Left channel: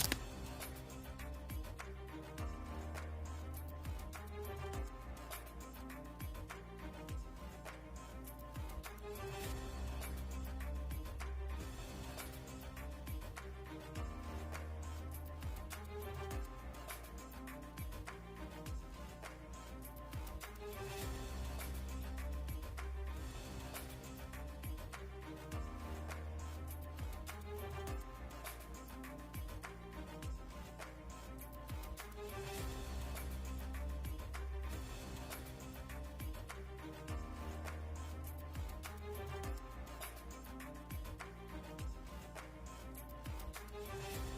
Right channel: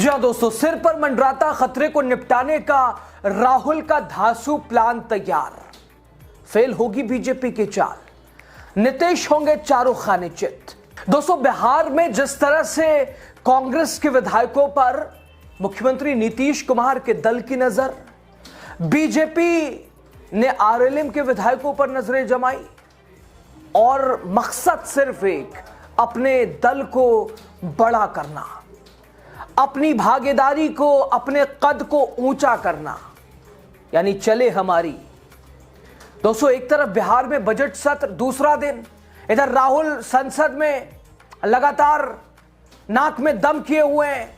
जी हाँ दोस्तों, सिर पर मंडराता खतरे को निपटाने का राहुल का धांसू प्लान तैयार। फेल होगी बीजेपी की चाल, नीतीश होंगे चारों खाने चित। दोस्तों, बिहार में जिस तरह से कांग्रेस के विधायकों पर मुख्यमंत्री नीतीश कुमार के दल की नजर, बीजेपी ने आरएलएम के विधायकों पर नजरें जमाई और मकसद सिर्फ एक, अपने दल को बड़ा करना, अपनी भागीदारी को, अपने कद को ऊंचा करना, यानी चले हमारी। दोस्तों, एक तरफ बिहार में बजट सत्र दूसरा दिन, इधर राहुल संसद में लगातार नाक में दम किए हुए हैं,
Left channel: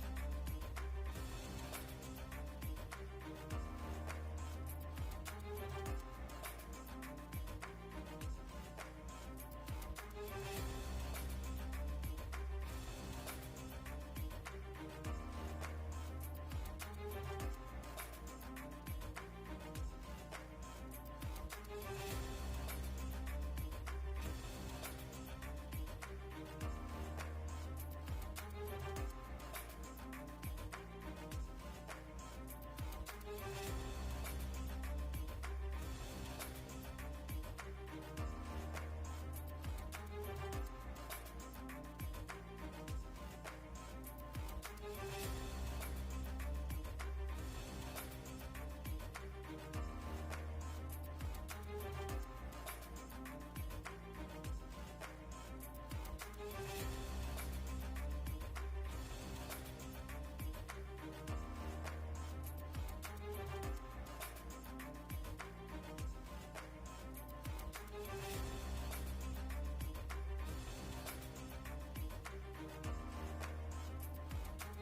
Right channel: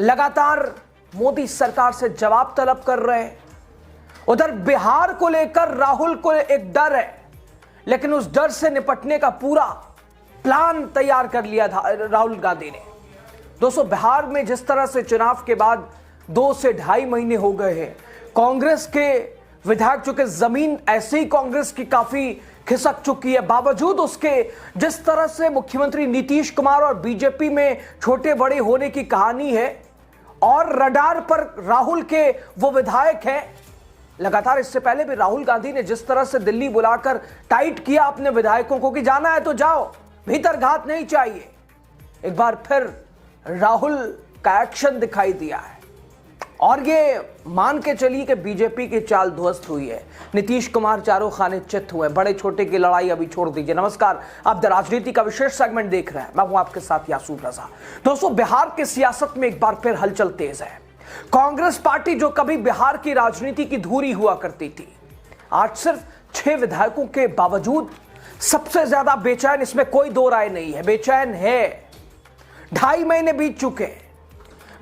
लगातार मोदी सरकार से जवाब तलब कर रहे हैं। उधर बिहार को लेकर राहुल को एक डर है, लेकिन उस डर से निपटने का पूरा प्लान तैयार कर लिया था राहुल गांधी ने। दोस्तों, बिहार में जिस तरह से चुनाव के बाद 2 से ढाई महीने हो गए हैं, कांग्रेस के विधायक, चूंकि जमीन ऐसे ही कांग्रेस की काफी खिसक चुकी है, बावजूद उसके जिस तरह से मुख्यमंत्री नीतीश कुमार और बीजेपी में छोटे बड़े होने की कहानी है और रडार पर राहुल के वो विधायक हैं। लगातार इससे पहले भी राहुल गांधी ने जिस तरह से दिल्ली बुलाकर टाइट किया अपने विधायकों को कि जाना है तो जाओ, भीतर घात नहीं चाहिए, एक बार फिर राहुल का एक्शन दिखाई दिया है और ये मान के चलिए कि बीजेपी की चाल ध्वस्त हुई है। नीतीश कुमार चारों खाने चित हुए, बड़े छोटे की लड़ाई अभी छोड़ दीजिए। नमस्कार, आप द राजनीति का विशेष सेगमेंट देख रहे हैं, मैं हूं आपके साथ यासूर रजा। दोस्तों, बिहार की सियासत में एक बार फिर हलचल तेज है। कांग्रेस पार्टी जो कभी बिहार की राजनीति की धुरी हुआ करती थी, आज सिर्फ 6 विधायकों के बावजूद सबसे ज्यादा बेचैन, इसमें कोई दो राय नहीं है, बेचैन है। 2.5 महीने बीत चुके हैं,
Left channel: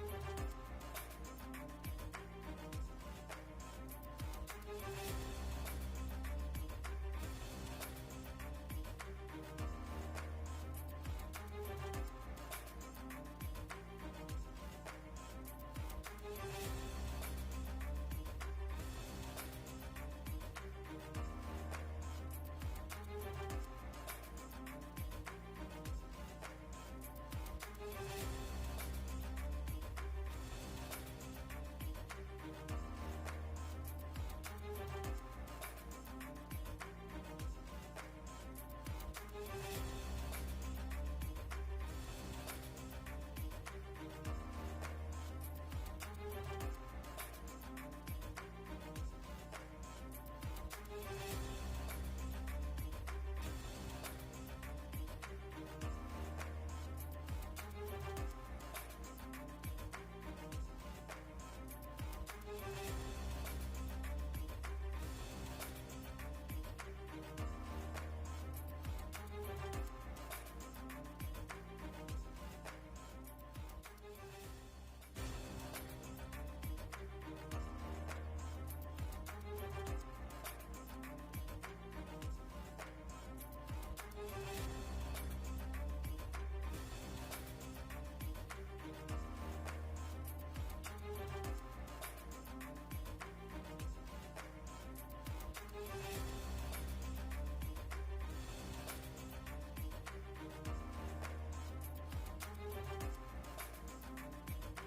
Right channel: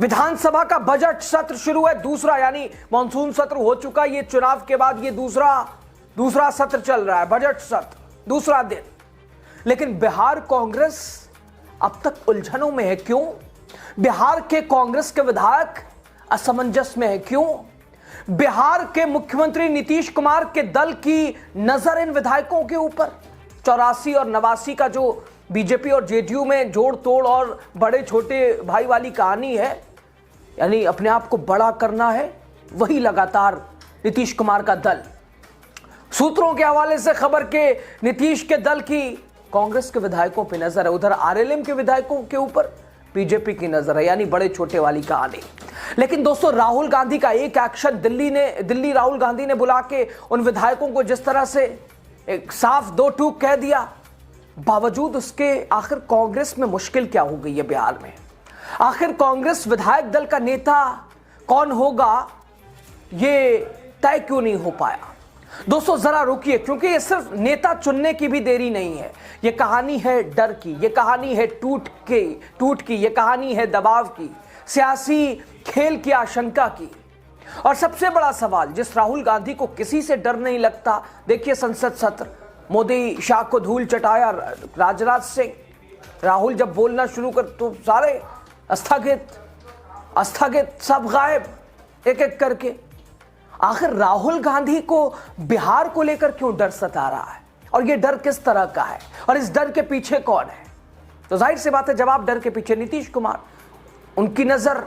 विधानसभा का बजट सत्र शुरू है, दूसरा, यानी मॉनसून सत्र हो चुका, ये चुनाव के बाद ये दूसरा सत्र चल रहा है, बजट सत्र दूसरा दिन। लेकिन बिहार कांग्रेस अब तक उलझनों में है। क्यों? बिहार के कांग्रेस के विधायक असमंजस में है। क्यों? बिहार के मुख्यमंत्री नीतीश कुमार के दल की नजर इन विधायकों के ऊपर। 84 और 89 का जो बीजेपी और जेडीयू में जोड़ तोड़ और बड़े छोटे भाई वाली कहानी है, यानी अपने आप को बड़ा करना है, वही लगातार नीतीश कुमार का दल। सूत्रों के हवाले से खबर के नीतीश के दल की कांग्रेस के विधायकों पर नजर है, उधर आरएलएम के विधायकों के ऊपर बीजेपी की नजर है, यानी बड़े छोटे वाली कहानी। लेकिन दोस्तों, राहुल गांधी का एक एक्शन, दिल्ली राहुल गांधी ने बुला के उन विधायकों को जिस तरह से एक साफ 2 टूक कह दिया, बावजूद उसके आखिर कांग्रेस में मुश्किल क्या हो गई है बिहार में? आखिर कांग्रेस विधायक दल का नेता कौन होगा, ये तय क्यों नहीं हो पाया? दोस्तों, जरा रुकिए, क्योंकि ये सिर्फ नेता चुनने की भी देरी नहीं है, ये कहानी है डर की, ये कहानी है टूट की, ये कहानी है दबाव की, सियासी खेल की आशंका की। और सबसे बड़ा सवाल, जिस राहुल गांधी को किसी से डर नहीं लगता, देखिए संसद सत्र, मोदी शाह को धूल चटाया राजनाथ सिंह, राहुल जब बोलना शुरू कर तो सारे स्थगित, सब गायब एक एक करके। आखिर राहुल गांधी को बिहार को लेकर क्यों डर सता रहा है और ये डर किस तरह का है और इस डर के पीछे कौन है? तो जाहिर सी बात है, जवाब डर के पीछे नीतीश कुमार, उनकी नजर,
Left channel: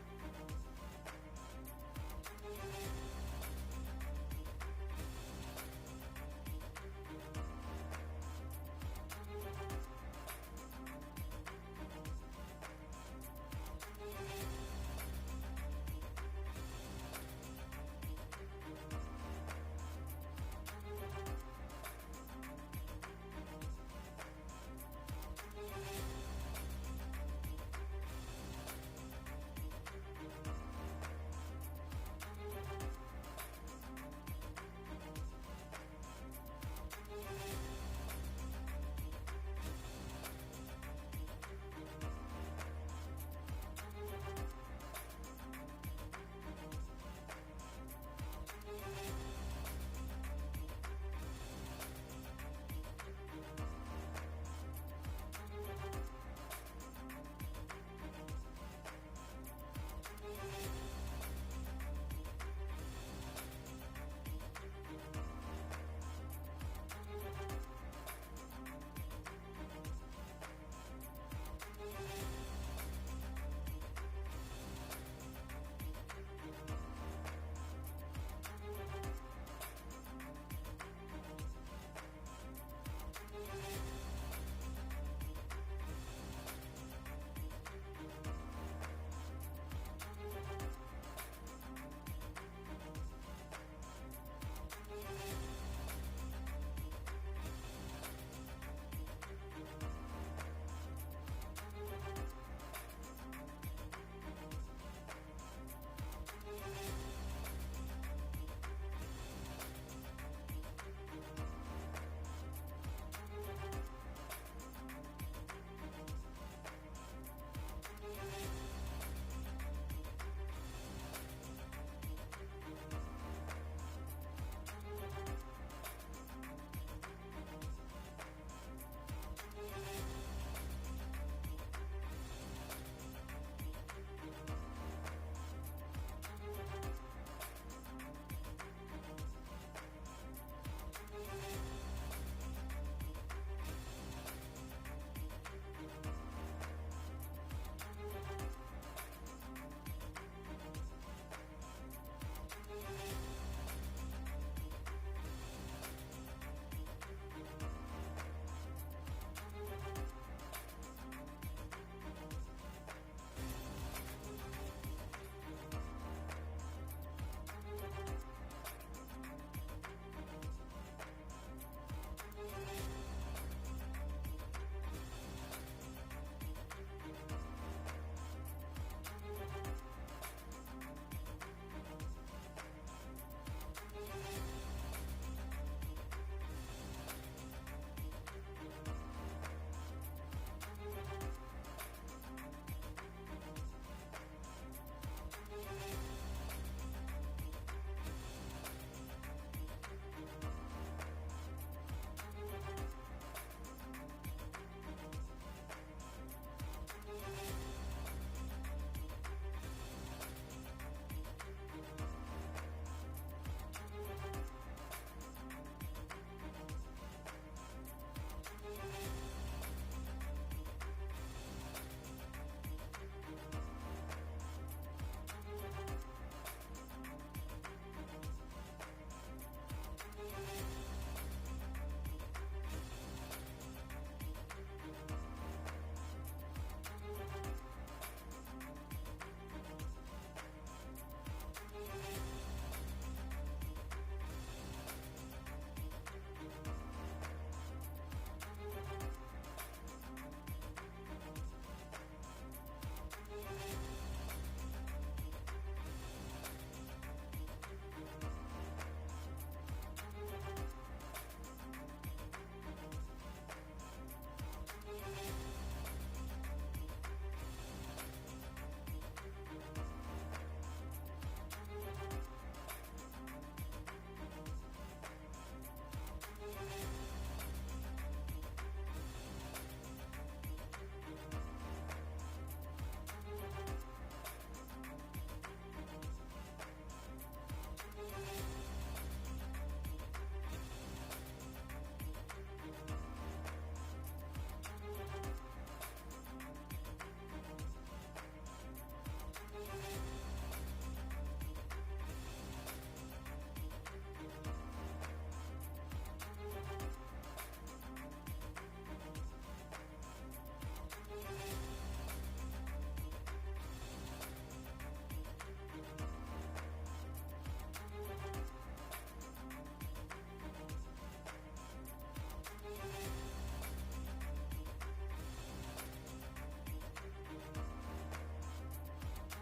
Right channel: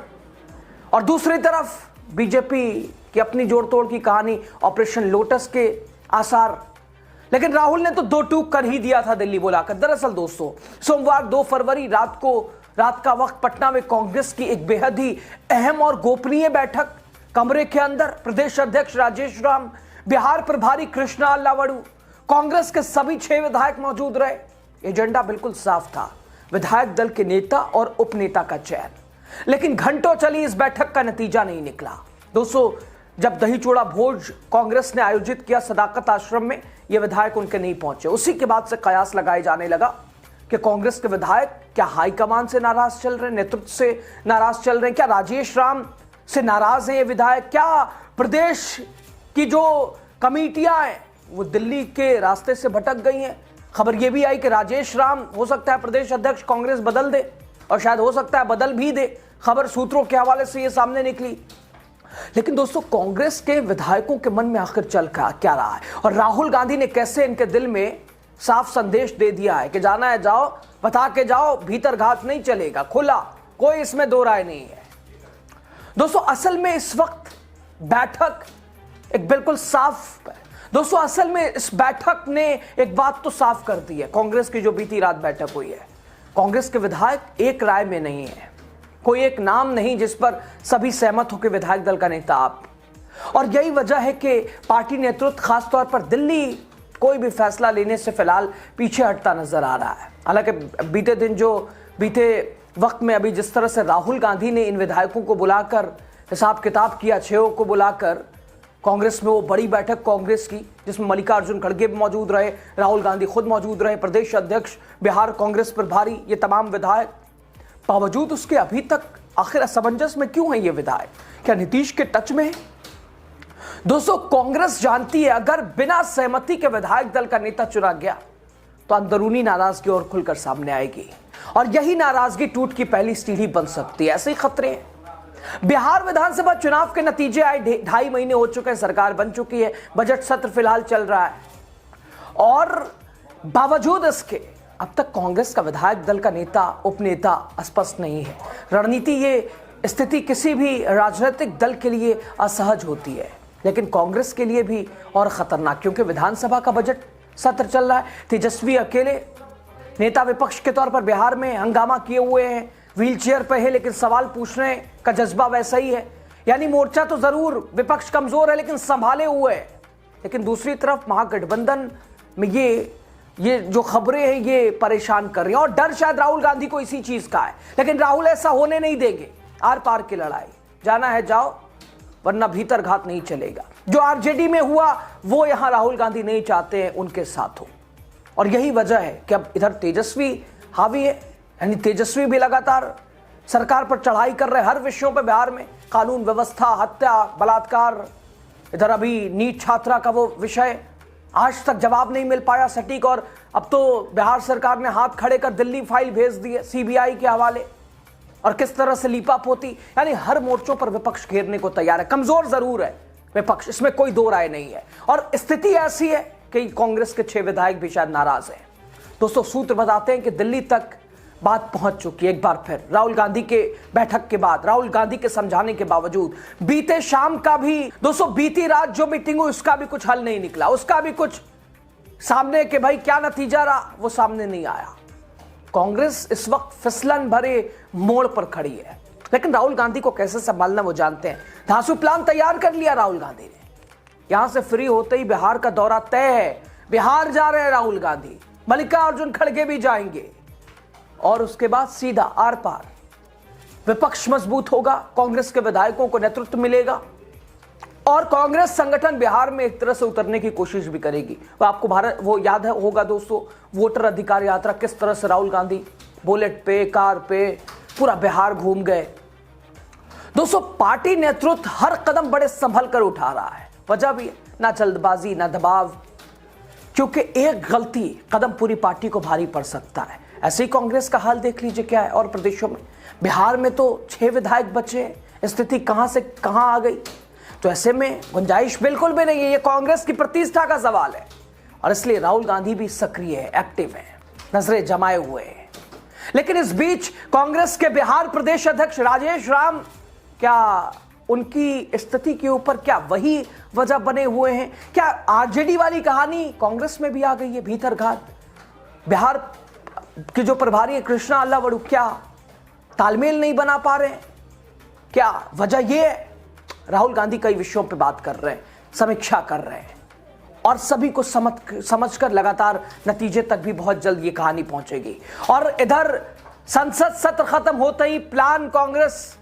और दूसरी तरफ बीजेपी की अपनी जोड़ तोड़ की कहानी, ऑपरेशन लोटस के आसार। लेकिन राहुल ने तो 2 टूक कर ही दिया था दिल्ली बुलाकर। दरअसल दोस्तों, सोमवार 2 फरवरी रात का वक्त पटना में कांग्रेस की एक बेहद ही अहम और गोपनीय बैठक, कमरे के अंदर प्रदेश अध्यक्ष राजेश राम, बिहार प्रभारी कृष्णा अल्लावड़ू, कांग्रेस के सभी 6 विधायक मौजूद रहे। एजेंडा बिल्कुल साफ था, विधायक दल के नेता और उपनेता का चयन। लेकिन घंटों चली इस बैठक का नतीजा नहीं निकला। दोस्तों, जब दही चूड़ा भोज कांग्रेस ने आयोजित किया सदाकत आश्रम में, ये विधायक उनके नहीं पहुंचे। उसी के बाद से कयास लगाए जाने लगा कि कांग्रेस के विधायक क्या हाईकमान से नाराज चल रहे हैं, नेतृत्व से नाराज चल रहे हैं, क्या राजेश राम से नाराज हैं ये विधायक, क्या प्रदेश की जो कमेटियां हैं वो दिल्ली के रास्ते से भटक गई हैं। खबर यह भी आई कि राजेश राम हो सकता है प्रदेश अध्यक्ष कांग्रेस बदल दे, और शायद हो सकता है बदल भी दे। खबर सूत्रों के हवाले से ये सामने निकली। लेकिन दोस्तों, कांग्रेस के विधायकों के मन में आखिर चल क्या रहा है और राहुल गांधी ने कैसे इनके दिल में साफ संदेश दे दिया है कि जाना है जाओ, बता के जाओ, भीतर घात नहीं चलेगा, खुला, कोई इसमें दो राय नहीं है। दोस्तों असल में इस वक्त बैठक एक बिल्कुल साफ है। दोस्तों असल में इस बैठक ने एक बात तो साफ कर दी है। कांग्रेस की जो बीती रात बैठक हुई है, कांग्रेस के विधायक एक राय में नहीं है, कोई एक नाम नहीं जिस पर सभी सहमत होकर विधायक दल का नेता आप, और यही वजह है कि पार्टी नेतृत्व खासतौर पर दिल्ली कोई भी फैसला लेने से फिलहाल पीछे हटता नजर आ रहा है। हालांकि बीते वक्त में अभी जिस तरह से राहुल गांधी ने इन विधायकों को बुलाकर हिसाब किताब किया, 6 को बुलाकर कांग्रेस में वो बड़ी बैठक कांग्रेस की जिसमें मल्लिकार्जुन खड़गे भी मौजूद रहे, राहुल गांधी खुद मौजूद रहे, प्रदेश अध्यक्ष बिहार कांग्रेस प्रभारी, ये तमाम विधायक, बावजूद उसके अभी तक आखिर असमंजस में क्यों है ये विधायक? क्या नीतीश के टच में है? दोस्तों कांग्रेस जानती है अगर बिना सहमति के विधायक दल का नेता चुना गया तो अंदरूनी नाराजगी और खुलकर सामने आएगी, और यही नाराजगी टूट की पहली सीढ़ी बन सकती है। ऐसे ही खतरे हैं। बिहार विधानसभा चुनाव के नतीजे आए, 2.5 महीने हो चुके हैं, सरकार बन चुकी है, बजट सत्र फिलहाल चल रहा है, और बावजूद इसके अब तक कांग्रेस का विधायक दल का नेता, उपनेता स्पष्ट नहीं है। रणनीति, ये स्थिति किसी भी राजनीतिक दल के लिए असहज होती है, लेकिन कांग्रेस के लिए भी और खतरनाक, क्योंकि विधानसभा का बजट सत्र चल रहा है। तेजस्वी अकेले नेता विपक्ष के तौर पर बिहार में हंगामा किए हुए हैं, व्हील चेयर पर है, लेकिन सवाल पूछने का जज्बा वैसा ही है। यानी मोर्चा तो जरूर विपक्ष कमजोर है लेकिन संभाले हुए है। लेकिन दूसरी तरफ महागठबंधन में ये जो खबरें हैं ये परेशान कर रही हैं, और डर शायद राहुल गांधी को इसी चीज का है, लेकिन राहुल ऐसा होने नहीं देंगे। आर पार की लड़ाई, जाना है जाओ, वरना भीतर घात नहीं चलेगा। जो आरजेडी में हुआ वो यहां राहुल गांधी नहीं चाहते हैं उनके साथ हो, और यही वजह है कि अब इधर तेजस्वी हावी है, यानी तेजस्वी भी लगातार सरकार पर चढ़ाई कर रहे हर विषयों पर बिहार में, कानून व्यवस्था, हत्या, बलात्कार, इधर अभी नीट छात्रा का वो विषय आज तक जवाब नहीं मिल पाया सटीक, और अब तो बिहार सरकार ने हाथ खड़े कर दिल्ली फाइल भेज दी है सीबीआई के हवाले, और किस तरह से लीपापोती, यानी हर मोर्चों पर विपक्ष घेरने को तैयार है। कमजोर जरूर है विपक्ष, इसमें कोई दो राय नहीं है, और स्थिति ऐसी है कि कांग्रेस के 6 विधायक भी शायद नाराज हैं। दोस्तों सूत्र बताते हैं कि दिल्ली तक बात पहुंच चुकी है। एक बार फिर राहुल गांधी के बैठक के बाद, राहुल गांधी के समझाने के बावजूद, बीते शाम का भी, दोस्तों बीती रात जो मीटिंग हुई उसका भी कुछ हल नहीं निकला, उसका भी कुछ सामने के भाई क्या नतीजा रहा वो सामने नहीं आया। कांग्रेस इस वक्त फिसलन भरे मोड़ पर खड़ी है, लेकिन राहुल गांधी को कैसे संभालना वो जानते हैं। धांसू प्लान तैयार कर लिया राहुल गांधी ने। यहां से फ्री होते ही बिहार का दौरा तय है, बिहार जा रहे हैं राहुल गांधी, मल्लिकार्जुन खड़गे भी जाएंगे, और उसके बाद सीधा आर पार। विपक्ष मजबूत होगा, कांग्रेस के विधायकों को नेतृत्व मिलेगा, और कांग्रेस संगठन बिहार में एक तरह से उतरने की कोशिश भी करेगी। वो आपको वो याद होगा दोस्तों, वोटर अधिकार यात्रा किस तरह से राहुल गांधी बुलेट पे, कार पे पूरा बिहार घूम गए। दोस्तों पार्टी नेतृत्व हर कदम बड़े संभल कर उठा रहा है, वजह भी है, ना जल्दबाजी ना दबाव, क्योंकि एक गलती कदम पूरी पार्टी को भारी पड़ सकता है। ऐसे ही कांग्रेस का हाल देख लीजिए क्या है, और प्रदेशों में, बिहार में तो 6 विधायक बचे हैं, स्थिति कहां से कहां आ गई। तो ऐसे में गुंजाइश बिल्कुल भी नहीं है, ये कांग्रेस की प्रतिष्ठा का सवाल है, और इसलिए राहुल गांधी भी सक्रिय है, एक्टिव है, नजरें जमाए हुए हैं। लेकिन इस बीच कांग्रेस के बिहार प्रदेश अध्यक्ष राजेश राम, क्या उनकी स्थिति के ऊपर क्या वही वजह बने हुए हैं? क्या आरजेडी वाली कहानी कांग्रेस में भी आ गई है, भीतर घात? बिहार के जो प्रभारी है कृष्णा अल्लावड़ू, क्या तालमेल नहीं बना पा रहे हैं? क्या वजह यह है? राहुल गांधी कई विषयों पे बात कर रहे हैं, समीक्षा कर रहे हैं, और सभी को समझकर लगातार नतीजे तक भी बहुत जल्द ये कहानी पहुंचेगी। और इधर संसद सत्र खत्म होते ही प्लान कांग्रेस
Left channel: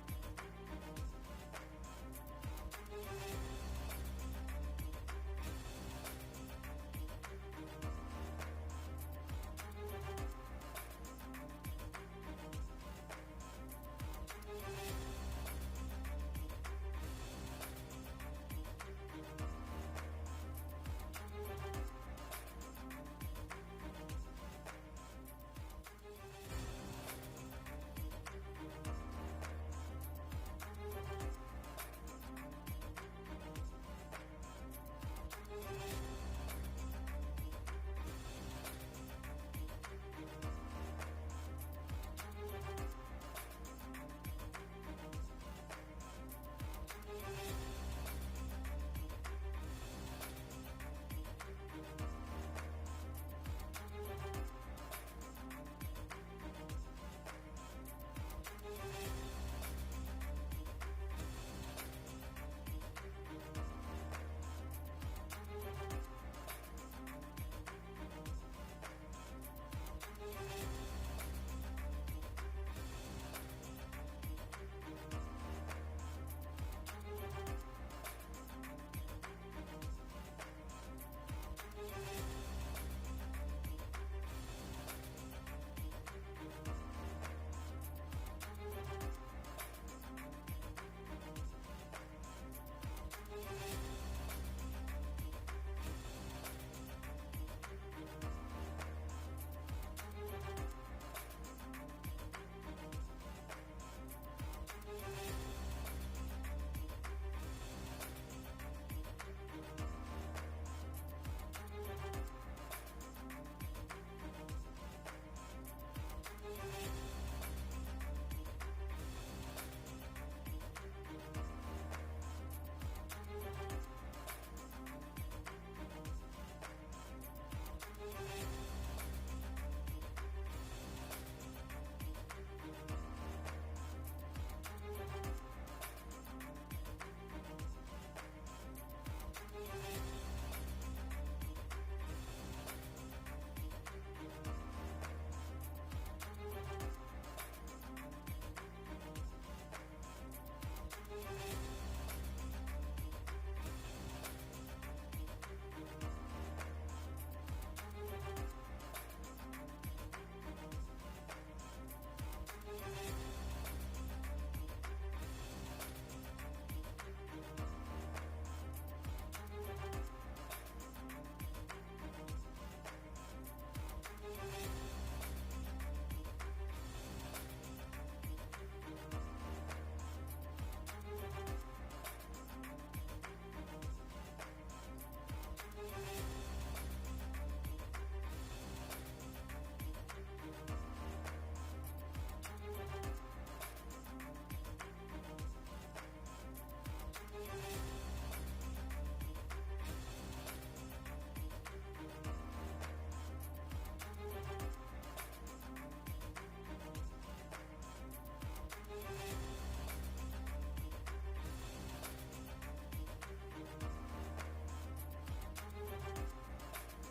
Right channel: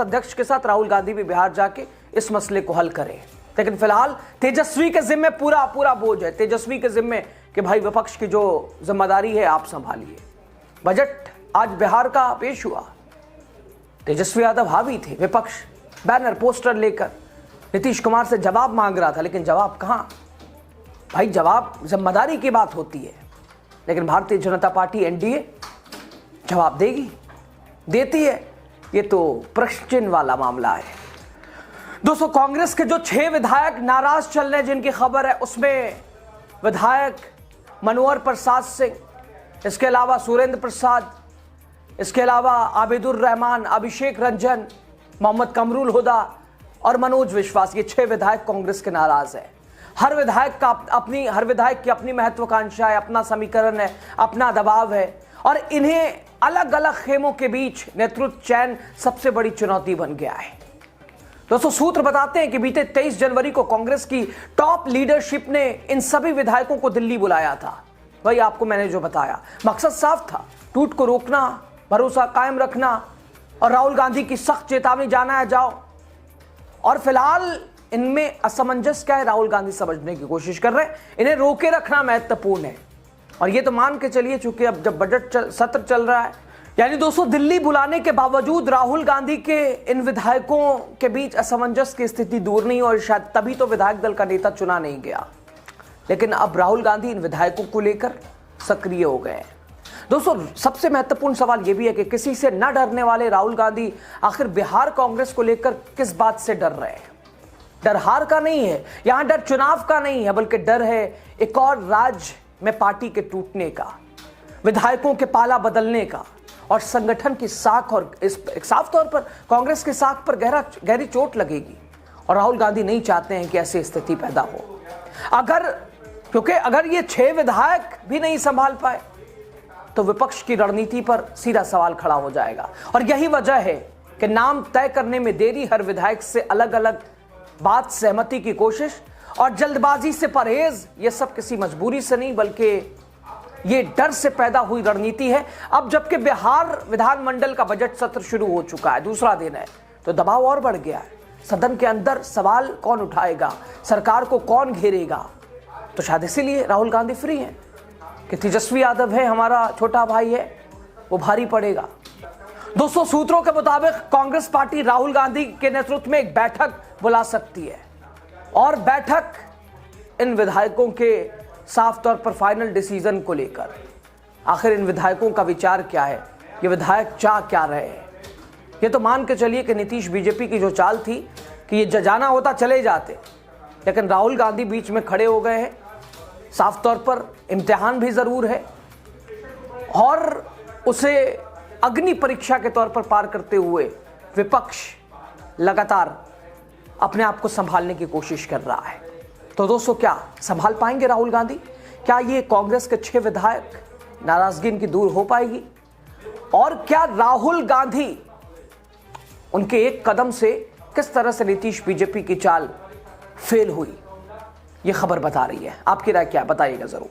अध्यक्ष के साथ राहुल गांधी भी बिहार जाके इस मसले को हल करें। लेकिन फिलहाल तेजस्वी के जिम्मे पूरा बोझ है, तेजस्वी के जिम्मे कि भाई विपक्ष की जो जिम्मेदारी है आप संभालिए। बजट आज बिहार का पेश हुआ, तेजस्वी यादव हावी थे, विपक्ष बैनर पोस्टर लेकर नीतीश कुमार से जवाब मांग रहा था, लेकिन जवाब कहां भाई? जवाब जिम्मेदारी की बात होती है, लेकिन भारतीय जनता पार्टी एनडीए जवाब देती है, ये तो प्रश्न चिन्ह वाला मामला है। दोस्तों कांग्रेस के जो 6 विधायक नाराज चल रहे हैं जिनकी खबर है, उसमें विधायक मनोहर प्रसाद सिंह, इसके अलावा सुरेंद्र प्रसाद, इसके अलावा आबिदुर रहमान, अभिषेक रंजन, मोहम्मद कमरुल हुदा और मनोज विश्वास, ये 6 विधायक कांग्रेस के नाराज है। हर विधायक की अपनी महत्वाकांक्षा है, अपना समीकरण है, अपना दबाव है और इन्हें अलग अलग खेमों के बीच नेतृत्व चयन सबसे बड़ी चुनौती बन गया है। दोस्तों, सूत्र बताते हैं कि बीते 23 जनवरी को कांग्रेस की टॉप लीडरशिप ने इन सभी विधायकों को दिल्ली बुलाया था। वही आपको मैंने जो बताया, मकसद साफ था, टूट को रोकना, भरोसा कायम रखना और राहुल गांधी की सख्त चेतावनी, जाना है जाओ। और फिलहाल इनमें असमंजस क्या है, राहुल गांधी समझने की कोशिश कर रहे हैं। इन्हें रोके रखना महत्वपूर्ण है और ये तो मान के चलिए, चूंकि अब जब बजट सत्र चल रहा है, यानी दोस्तों दिल्ली बुलाने के बावजूद राहुल गांधी के इन विधायकों के बीच असमंजस की स्थिति दूर नहीं और शायद तभी तो विधायक दल का नेता चुना नहीं गया। लेकिन अब राहुल गांधी इन विधायकों को लेकर सक्रिय हो गए हैं। दोस्तों, सबसे महत्वपूर्ण सवाल यह भी है कि किसी से न डरने वाले राहुल गांधी आखिर बिहार कांग्रेस को लेकर किस बात से डर रहे हैं। डर हार का नहीं है, यहां डर चुनाव का नहीं है, बल्कि डर है एक और राज्य में पार्टी के टूटने का, विधायकों के पाला बदलने का और संगठन की साख, और साफ तौर पर कांग्रेस की साख पर गहरी चोट लगेगी और राहुल गांधी नहीं चाहते हैं कि ऐसी स्थिति पैदा हो। क्योंकि अगर ये 6 विधायक भी नहीं संभाल पाए तो विपक्ष की रणनीति पर सीधा सवाल खड़ा हो जाएगा और यही वजह है कि नाम तय करने में देरी, हर विधायक से अलग अलग बात, सहमति की कोशिश और जल्दबाजी से परहेज, ये सब किसी मजबूरी से नहीं बल्कि ये डर से पैदा हुई रणनीति है। अब जबकि बिहार विधानमंडल का बजट सत्र शुरू हो चुका है, दूसरा दिन है, तो दबाव और बढ़ गया है। सदन के अंदर सवाल कौन उठाएगा, सरकार को कौन घेरेगा, तो शायद इसीलिए राहुल गांधी फ्री हैं कि तेजस्वी यादव है, हमारा छोटा भाई है, वो भारी पड़ेगा। दोस्तों, सूत्रों के मुताबिक कांग्रेस पार्टी राहुल गांधी के नेतृत्व में एक बैठक बुला सकती है और बैठक इन विधायकों के साफ तौर पर फाइनल डिसीजन को लेकर, आखिर इन विधायकों का विचार क्या है, ये विधायक चाह क्या रहे हैं। ये तो मान के चलिए कि नीतीश बीजेपी की जो चाल थी कि ये जाना होता चले जाते, लेकिन राहुल गांधी बीच में खड़े हो गए हैं। साफ तौर पर इम्तिहान भी जरूर है और उसे अग्नि परीक्षा के तौर पर पार करते हुए विपक्ष लगातार अपने आप को संभालने की कोशिश कर रहा है। तो दोस्तों, क्या संभाल पाएंगे राहुल गांधी? क्या ये कांग्रेस के 6 विधायक, नाराजगी इनकी दूर हो पाएगी? और क्या राहुल गांधी उनके एक कदम से किस तरह से नीतीश बीजेपी की चाल फेल हुई, ये खबर बता रही है। आपकी राय क्या, बताइएगा जरूर।